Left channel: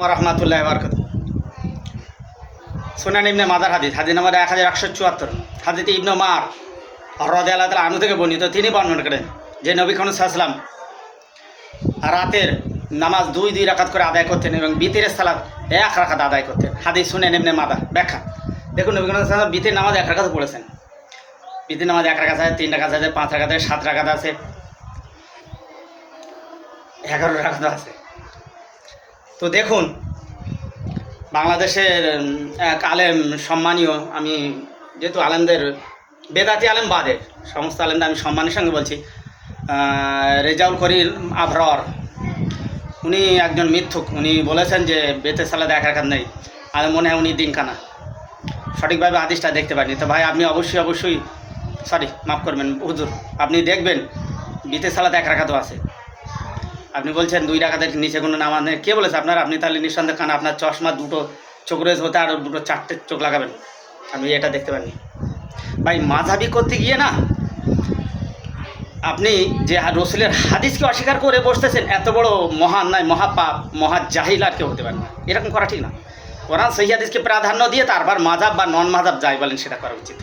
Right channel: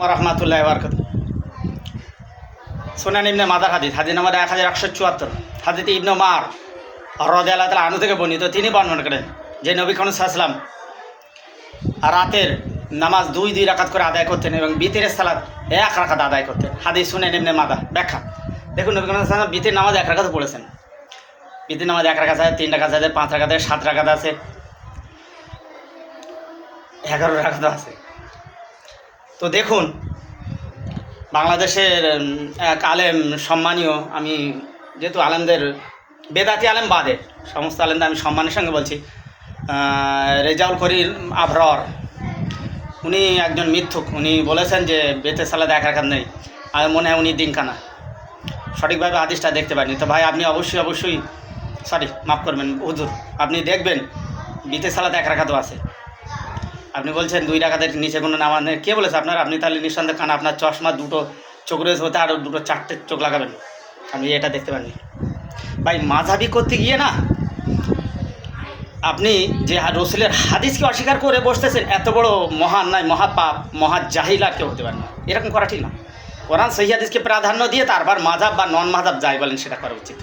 রহমাতুল্লাহ বারকাত সোনান ইবনে মাদার হাদিস হাদিস নাম্বার এক হাজার একশো চুয়াত্তর। হাদিতে ইবনে মার হরদ আল্লাহ তালা আনু থেকে বর্ণিত, তিনি বর্ণনা করেন যে নবী খান সাহসালাম রাতের নামাজ দুই দুই রাকাত করে আদায় করতেন এবং বিতিরের সালাদ এক রাকাত আদায় করতেন। হাদিস শুনেন এমনি মাদা ব্যাখ্যা। দেখুন, নবী খান সাহসালাম বিতির নামাজ এক রাকাত পড়েছেন। বিতির নামাজ এক রাকাত আছে, তিন রাকাত আছে, পাঁচ রাকাত আছে, সাত রাকাত আছে, এগারো রাকাত আছে। তো দেখুন, বাংলাদেশের এক আলেম সম্মানীয়, আমি যেহেতু আলেমদের, বেদাতি আলেম বাদে, সমস্ত আলেমদের আমি সম্মানের সঙ্গে বলছি রেজাউল করির আভরর উনি একজন মিথ্যুক, উনি বলেছেন যে বেতে সালা দেখার কাজ নেই, আর মনে হয় উনি দিনকানা সঠিকভাবে আদিসটা দেখতে পারেনি, তো ভাই আপনি অবশ্যই অবশ্যই সরি মাফ করবেন, হুজুর, আপনি দেখবেন, বিতে সালাত এক রাখাতো আছে। আপনি বলছেন দুই রাখাতের নিচে কোনো নামাজ নেই। কে বলেছে আপনার? আপনি তাহলে নিঃসন্দেহ খান। আপনার চশমা দুটো চোখ রয়েছে হতে আর দুটো চারটে চোখ লাগাবেন। আপনি এটা দেখতে পাননি ভাই, মাঝাবি করতে গিয়ে না, আপনি যে রসুলের হাদিসকে অস্বীকার করে বসতেছেন, এত বড় মহান নয় মহাপাপ মহা জাহিল আর কেউ হতে পারে না। এরকম করা ঠিক না। কোরআন সেই হাদিসকে প্রাধান্য দিয়ে তারপর মাঝাব বা নন মাঝাব যাই বলেন, সেটা করা উচিত।